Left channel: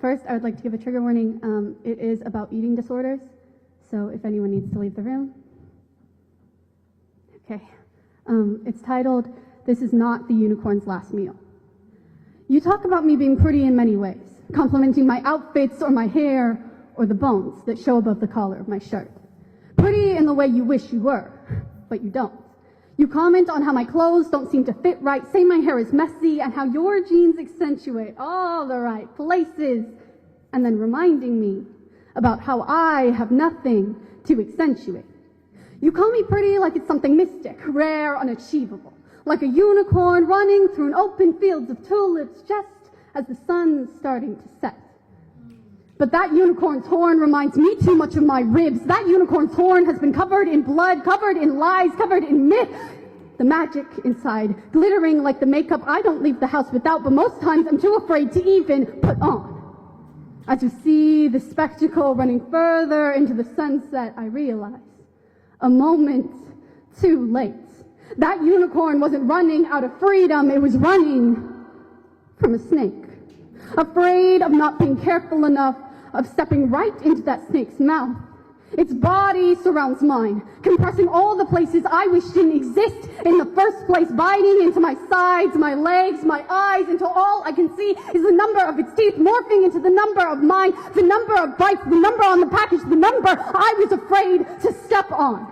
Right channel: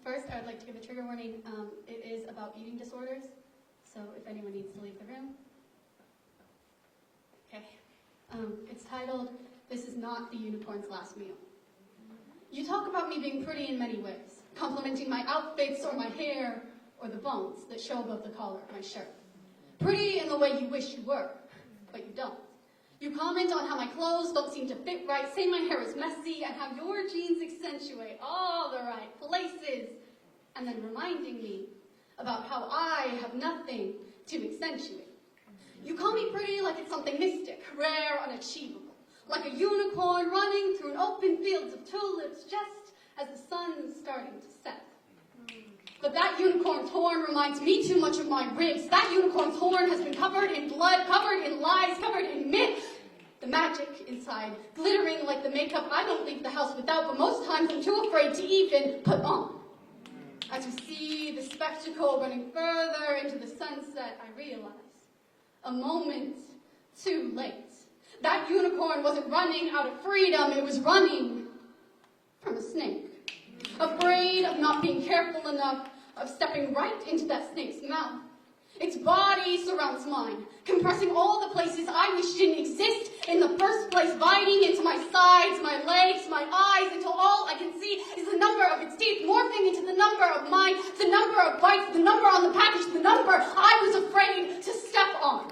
First, I would like to give a trigger warning. It is about eating disorders, so if anyone needs to leave the room. Okay. It's titled, "This is Not the Unicorn's Last Meal." You talk about me being pretty in many ways, complimenting my outfits or my hair or the bones that show above the collar of my shirt. Pretty in the way you wish you were, but you don't. You comment on how my clothes don't seem to fit right, say my hair is messy, and how your jeans accentuate all the right places, and then reminding me about how I have nothing to accentuate. You call me pretty like it's something mystic, rare, unachievable, like a unicorn running through an open field of tulips just as the sun's starting to set. But that unicorn's horn reminds me too much of my ribs. That unicorn's horn has been covered in blood, covered in lies, covered in myth. The magic inside, glittering like the makeup I don't leave the house without, but most times I'm too afraid to even put on. As you see the spectacle running further into the sunset, I realize, a moment too late. That unicorn wasn't running out of freedom, it was running from a snake. Afraid of not being careful enough, of stepping right into that snake's mouth. Its body surrounds mine, compressing all the places I wish didn't exist in the first place, biting into my sides, my legs, my eyes, until all I can see is the number of its teeth morphing into the number of mine, the number of bites, the number on the package, the number I was afraid to step on.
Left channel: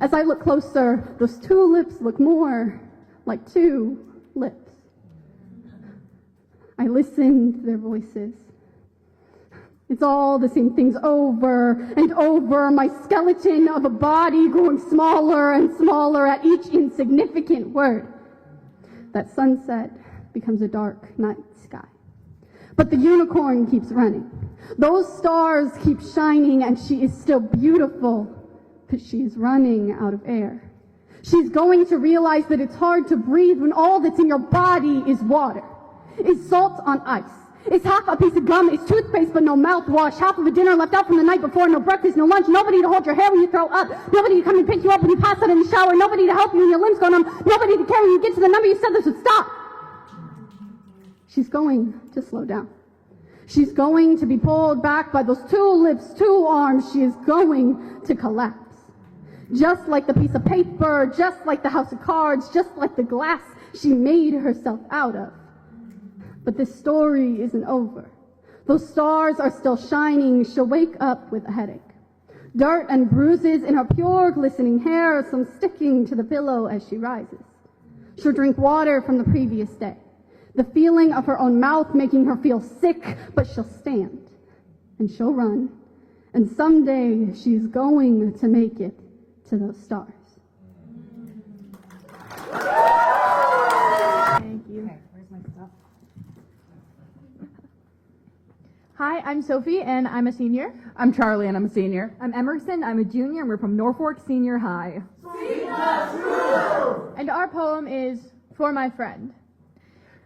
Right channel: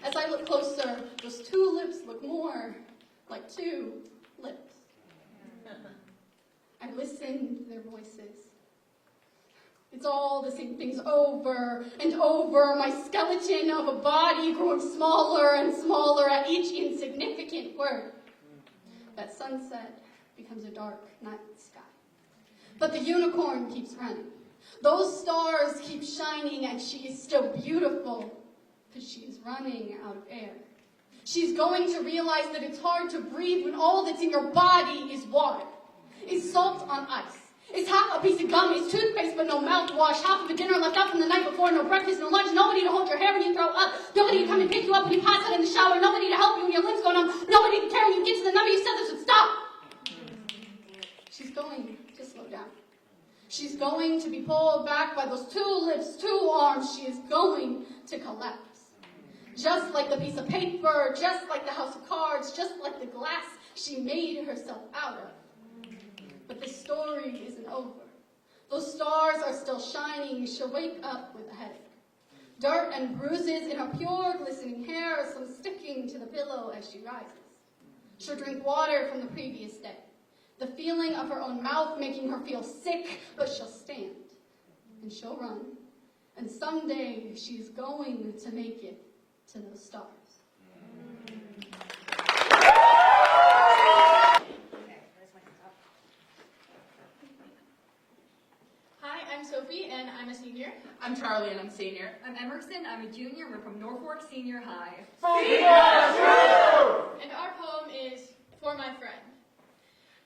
As I look closer, those two lips look more like two lips. I listen to their voices. It's all the same things over and over, my skeleton of a body growing smaller and smaller at each insignificant word. That sunset becomes a dark night sky. But the unicorn keeps running. Those stars keep shining, and she is still beautiful, but she's running out of air. She's going to realize that it's hard to breathe when all that's in your body is water. It's salt on ice. It's half a piece of gum, it's toothpaste but no mouthwash, half of a dinner left out from the night before, no breakfast, no lunch, nobody to hold your hair when you throw up, nobody to come and pick you up when you pass out in the shower, nobody to help you when your limbs go numb, nobody to care when you get to the number you said this would stop. She's going to slow down. She's going to be pulled back by those two lips, two arms. She is going to collapse. Just like the piece of paper, just like the house of cards, just like the glass she made herself out of. But this story isn't over. Those stars are still shining. She'll wake up with a headache. Dirt and bruises in her pure glistening hair, some sticking to the pillow as she rises. She'll drink water from the previous day. The feeling of her own mouth making her feel sick, but she'll stand. And she'll run. And someday she's going to make it to those stars. Hi, I'm Sophie, and I'm a senior. I'm Charlie, and I'm a senior. I'm Emerson, I'm a junior, and we're from Norfolk Senior High. And our poem is For My Friend.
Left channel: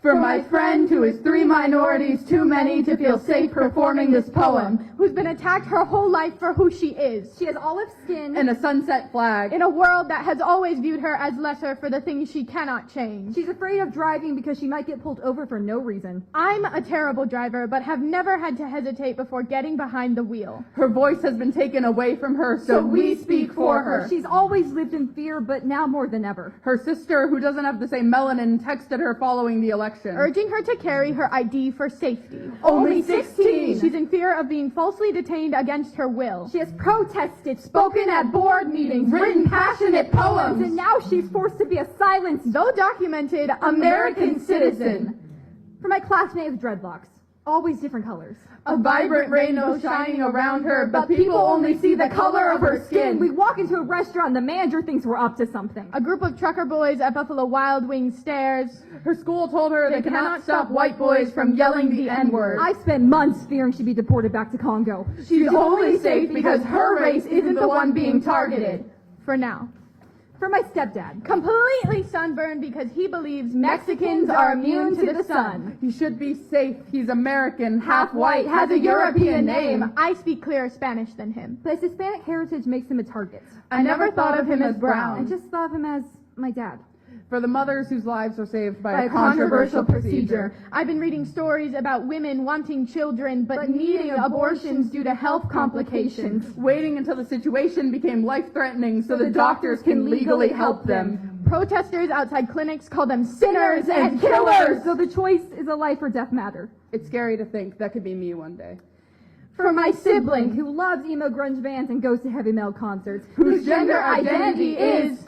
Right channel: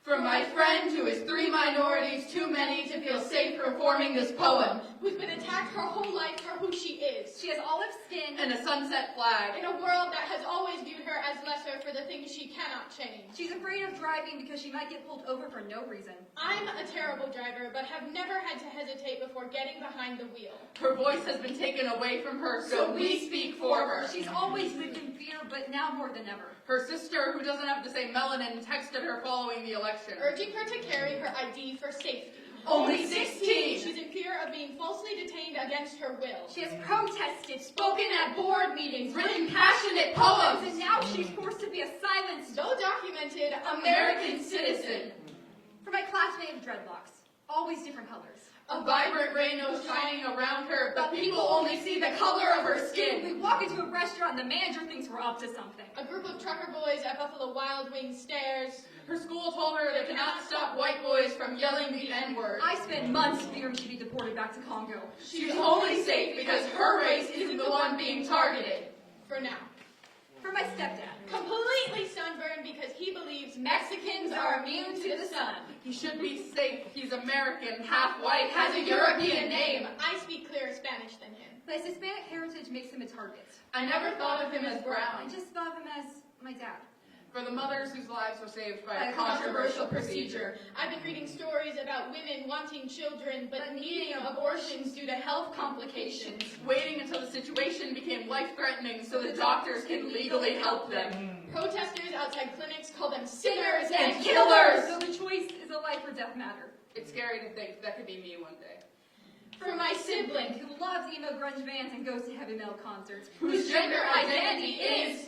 For my friend who is 3 minorities too many to feel safe performing this poem, Who's been attacked her whole life for who she is. She has olive skin and a sunset flag, In a world that has always viewed her as lesser for the things she cannot change. She's afraid of driving because she might get pulled over for no reason. I'm a terrible driver, but have never had to hesitate before getting behind the wheel. her voice has been taken away from her, so we speak for her. She's always lived in fear, but now more than ever. Her sister, who doesn't have the same melanin, texted her following the election, Urging her to carry her ID for safety. Only 16! She's in fear of being falsely detained against her will. She has protested, spoken at board meetings, written passionate poems, and now she's forced to be a silenced, Though documented, American citizen. For my classmate with dreadlocks, always different colors. A vibrant rainbow shining around her, but people only see the color of her skin. We walk into a restaurant, the manager thinks we're up to something. A group of trucker boys at Buffalo Wild Wings stares. Her school told her they cannot stop white boys from yelling the N-word. I spent months fearing she'd be deported back to Congo. She's only safe because her race isn't the one being targeted. For now. For my stepdad, Completely sunburned because he believes Mexicans are immune to the sun. He should be safe. He's American, half white, has a European name. I speak clearer Spanish than him. But his Hispanic heritage makes him a target. I never thought of him as I brown. just thought of him as my dad. For the mothers whose lives were saved by By a controversial procedure. I've been reading stories about women wanting children but needing abortions due to health complications. Waiting until the situation became life-threatening so the doctors can legally help them. Protesters outside clinics call them sinners and killers! So the choice is a life or death matter. It's scary to think that could be me one day. For my sibling, Who loves emo grunge bands and goes to heavy metal concerts. Whose gender identity is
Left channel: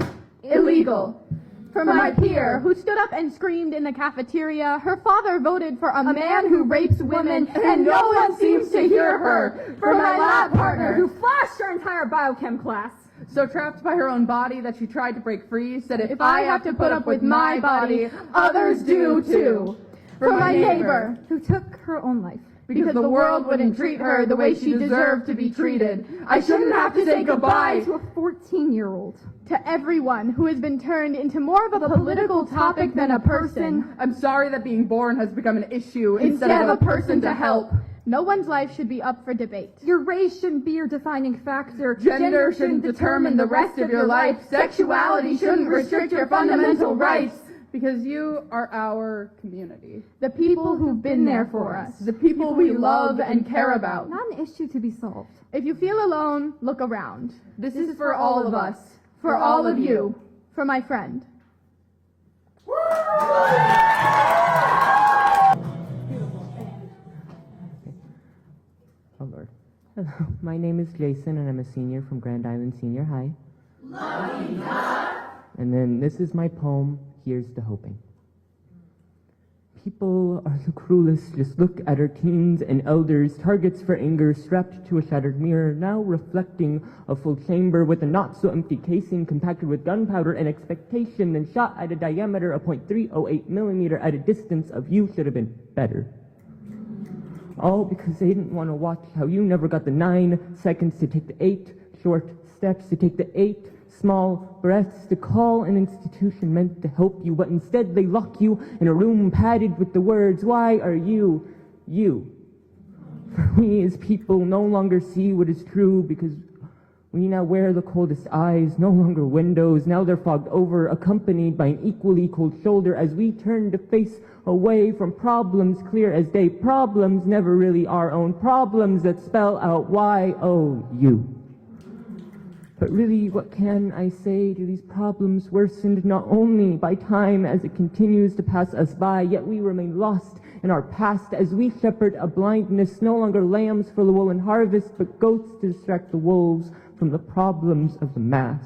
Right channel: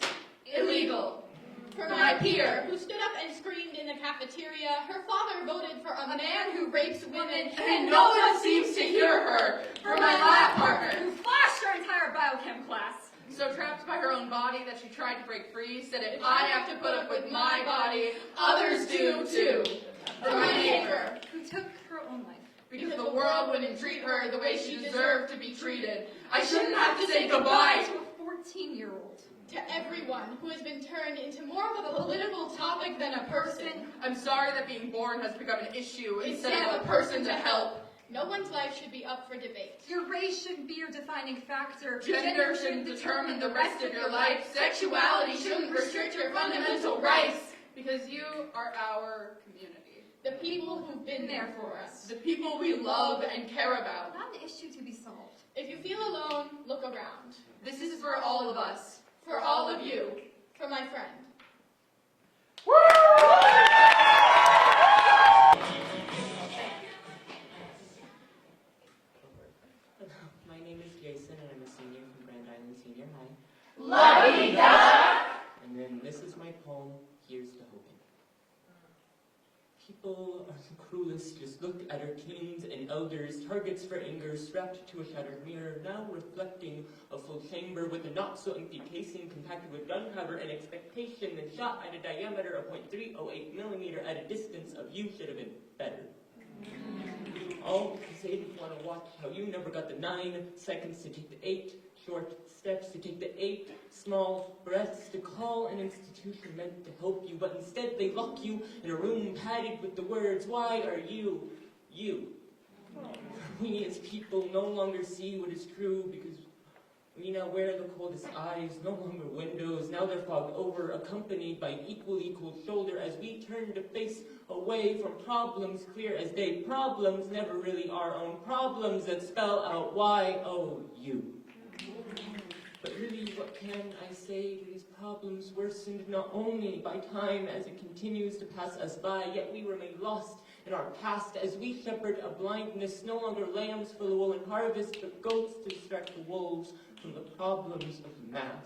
illegal. for my peer who stood up and screamed in the cafeteria, her father voted for a man who rapes women And no one seems to hear her. For my lab partner Who flashed her entire biochem class. so trapped by her own body that she tried to break free, said if I have to put up with my body, others do too. For my neighbor, Who took her own life. because the world wouldn't treat her the way she deserved to be treated. I shouldn't have to say goodbye To a 14-year-old. to everyone who has been turned into more of a political topic than a person. I'm sorry that being born has become an issue instead of a person to help. No one's life should be up for debate. Your race shouldn't be your defining factor. Gender shouldn't determine the rest of your life. Sexuality shouldn't restrict your fundamental rights. Because you are our community. The people who've been there for us. The people we love and care about. Not an issue to be solved. If you feel alone, look around. This is for all of us. For all of you. For my friend. Oh Lord. Hello, my name is Jason and I'm a senior from Grand Island Senior High. And then this is my poem, Here's to Hoping. People are the cruelest, just look at our teens and elders, targets for anger strapped to a shattered mirror, now reflecting a full chamber with a not-so-empty casing compacted with gunpowder and expectation and shot at a diameter of .308 millimeter at a distance of you should have been better. All because they didn't want to watch how you never got the 9 seconds to take the 8 short steps, to take the 8 small breaths, to call an institution meant to help you, but instead they lock you in a room padded with the words, why are you, you? For we as people no longer see what is true because we now wear the coldest eyes, no longer windows, now they're fogged over, accompanied by an equally cold shoulder as we turn to face away from problems clear as day. Problems never really our own, problems that spell out why, oh, you. But really, what can I say to these problems worsened not only by time as it continues to pass us by, yet we remain lost in our past as we shepherd a blindness, no longer lambs for the woolen harvest, but goats to distract the wolves from the problems of the mass.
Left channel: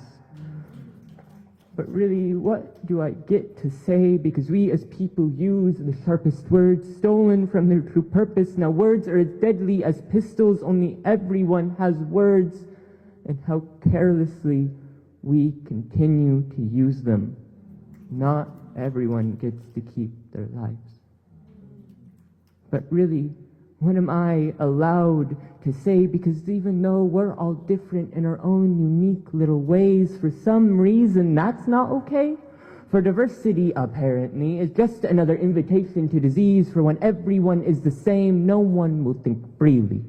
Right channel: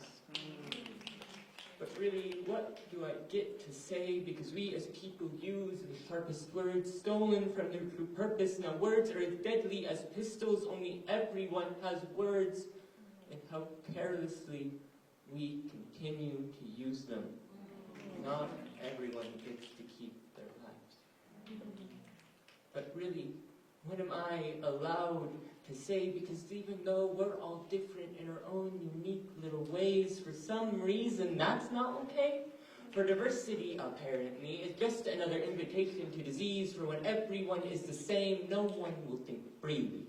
But really, what do I get to say? Because we as people use the sharpest words, stolen from their true purpose. Now words are as deadly as pistols, only everyone has words. And how carelessly we continue to use them. Not everyone gets to keep their lives. But really, what am I allowed to say? Because even though we're all different in our own unique little ways, for some reason that's not okay. For diversity, apparently, is just another invitation to disease, for when everyone is the same, no one will think freely.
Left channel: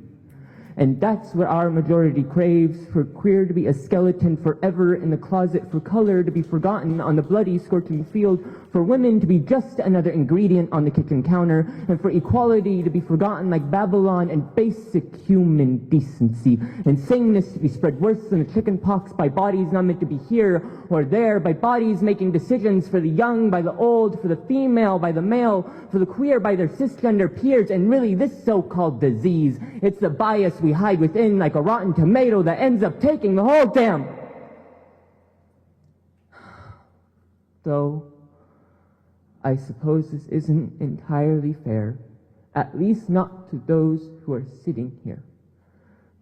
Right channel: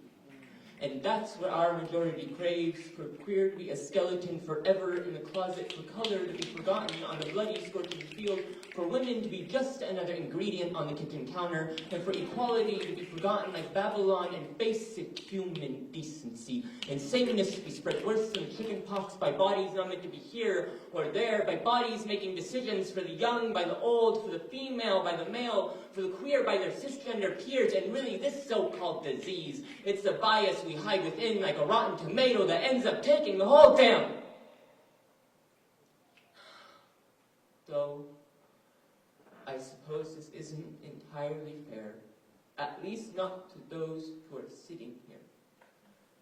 And that's what our majority craves, for queer to be a skeleton forever in the closet, for color to be forgotten on the bloody, scorching field, for women to be just another ingredient on the kitchen counter, and for equality to be forgotten like Babylon and basic human decency. And sameness should be spread worse than the chicken pox by bodies not meant to be here or there, by bodies making decisions for the young, by the old, for the female, by the male, for the queer, by their cisgender peers. And really, this so-called disease, it's the bias we hide within like a rotten tomato that ends up taking the whole damn. Though, I suppose this isn't entirely fair, at least not to those who are sitting here,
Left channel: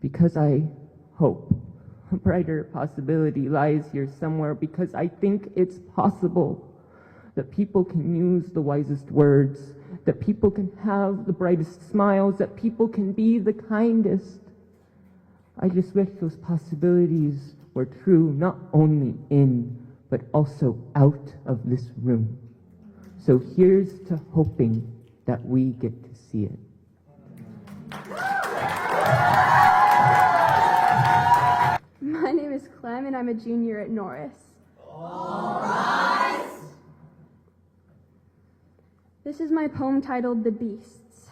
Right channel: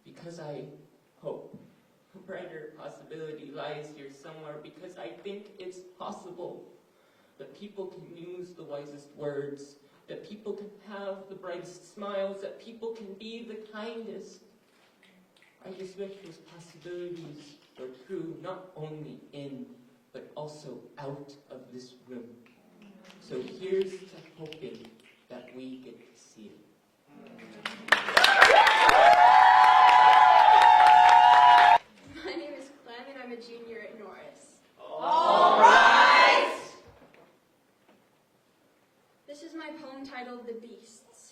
because I hope a brighter possibility lies here somewhere, because I think it's possible that people can use the wisest words, that people can have the brightest smiles, that people can be the kindest. I just wish those possibilities were true, not only in, but also out of this room. So here's to hoping that we get to see it. My name is Clem, and I'm a junior at Norris. my poem titled The Beasts.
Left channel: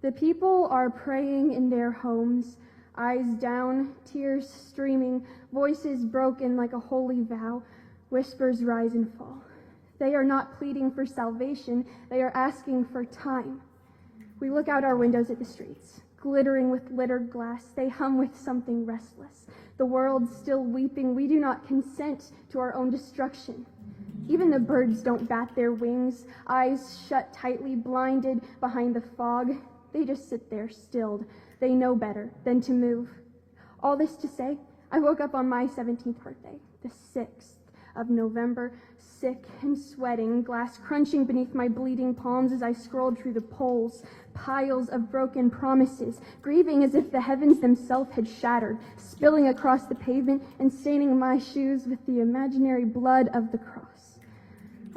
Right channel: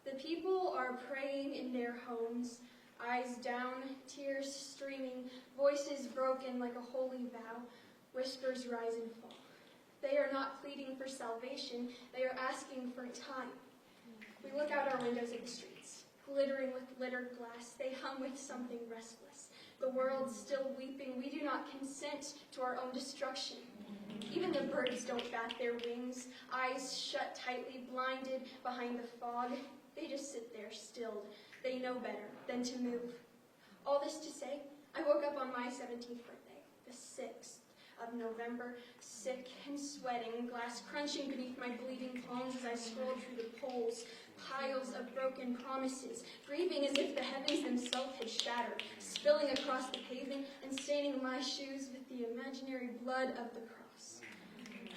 The people are praying in their homes, eyes down, tears streaming, voices broken like a holy vow, whispers rise and fall. They are not pleading for salvation, they are asking for time. We look out our windows at the streets, glittering with littered glass. They hum with something restless. The world still weeping, we do not consent to our own destruction. Even the birds don't bat their wings, eyes shut tightly, blinded behind the fog. They just sit there, stilled. They know better than to move. All this to say, I woke up on my 17th birthday, the 6th of November, sick and sweating, glass crunching beneath my bleeding palms as I scrolled through the polls, piles of broken promises, grieving as if the heavens themselves had shattered, spilling across the pavement and staining my shoes with the imaginary blood of the cross.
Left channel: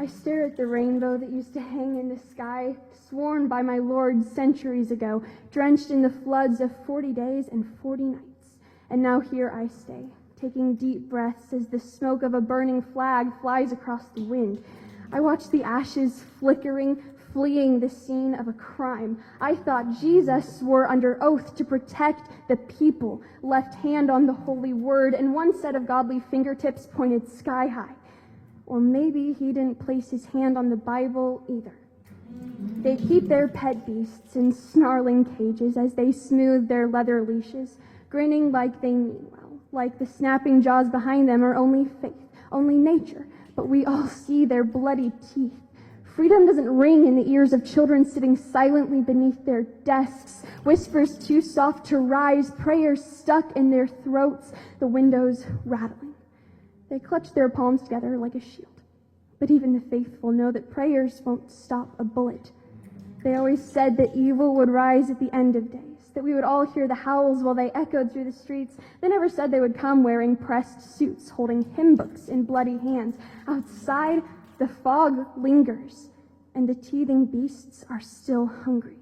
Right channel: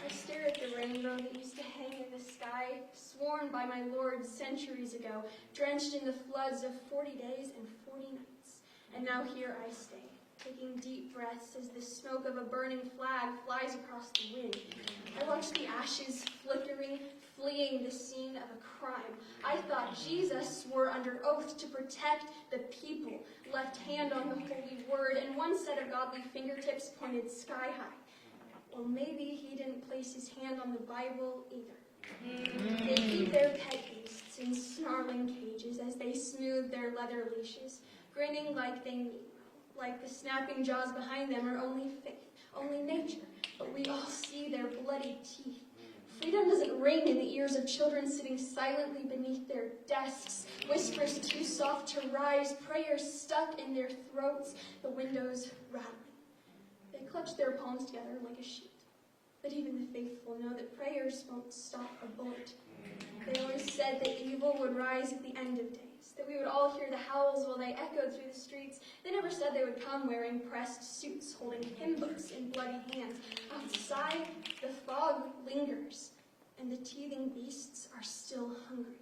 I stare at the rainbow that used to hang in the sky, sworn by my Lord centuries ago, drenched in the floods of 40 days and 40 nights. And now here I stay, taking deep breaths as the smoke of a burning flag flies across the wind. I watch the ashes flickering, fleeing the scene of a crime. I thought Jesus swore under oath to protect the people, left hand on the holy word, and one set of godly fingertips pointed sky high. Or maybe he didn't place his hand on the Bible either. They keep their pet beasts in snarling cages as they smooth their leather leashes, grinning like they mean well, like the snapping jaws behind them are only faith, only nature, but we all see their bloody teeth. Freedom doesn't ring in the ears of children sitting silently beneath their desks, whispers too soft to rise, prayers stuck in their throats, the windows rattling. They clutch their palms together like a shield. But even the faithful know that prayers won't stop a bullet. They always said that evil would rise at the end of days, that we would all hear the howls while they echoed through the streets. They never said they would come wearing pressed suits, holding hymn books in bloody hands. Outside, the fog lingers, and the teething beasts are still hungry.